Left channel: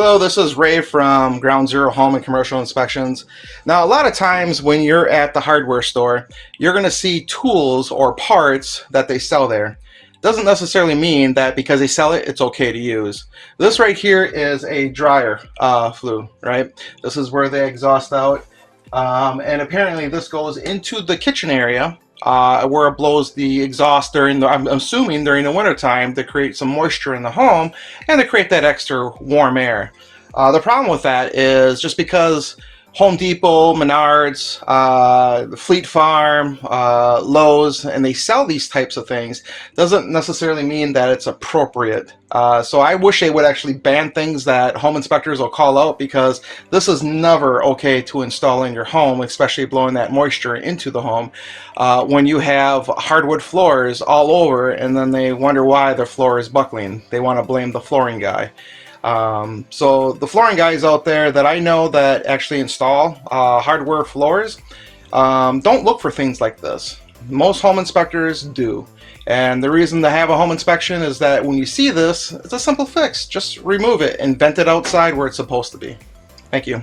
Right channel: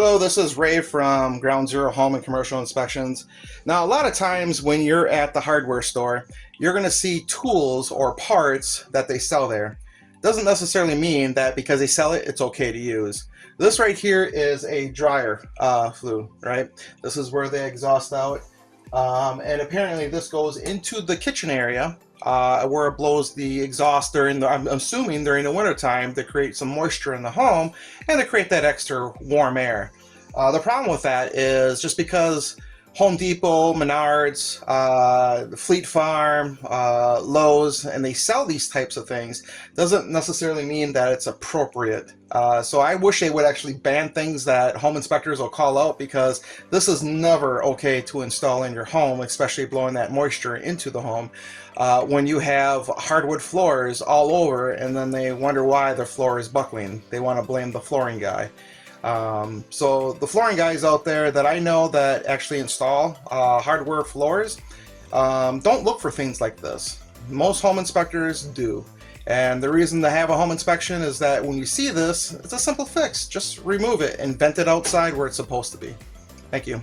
Hello, this is Ray from Ground Zero Home and Commercial Inspections. Now, a lot of times when you're at the hardware store, you're going to see tools or parts that they sell there. Doesn't necessarily mean that because they sell it, it's okay to use. This right here is a dryer flue, right? This is where they exhaust out. And apparently this goes into the kitchen area where it blows the exhaust during I'm assuming during the winter time to create some moisture in the home and to create that extra warm air. The problem with that is just because Home Depot, Menards, Fleet Farm, Lowe's, and they sell these types of things doesn't necessarily mean that it's appropriate. So I wish they would actually ban things that home inspectors will call out, because this is never okay to install in your home, especially blowing that moisture into the home when you have hardwood floors all over and then they wonder why their floor is buckling. They want to blame the flooring guy. So the flooring guys out there that I know that actually install hardware floors, don't look for things like this. Most home inspectors do. And the reason to have a home inspection is that when you see this, it's a simple fix. Just remove it and vent it outside where it's supposed to be. Thank you.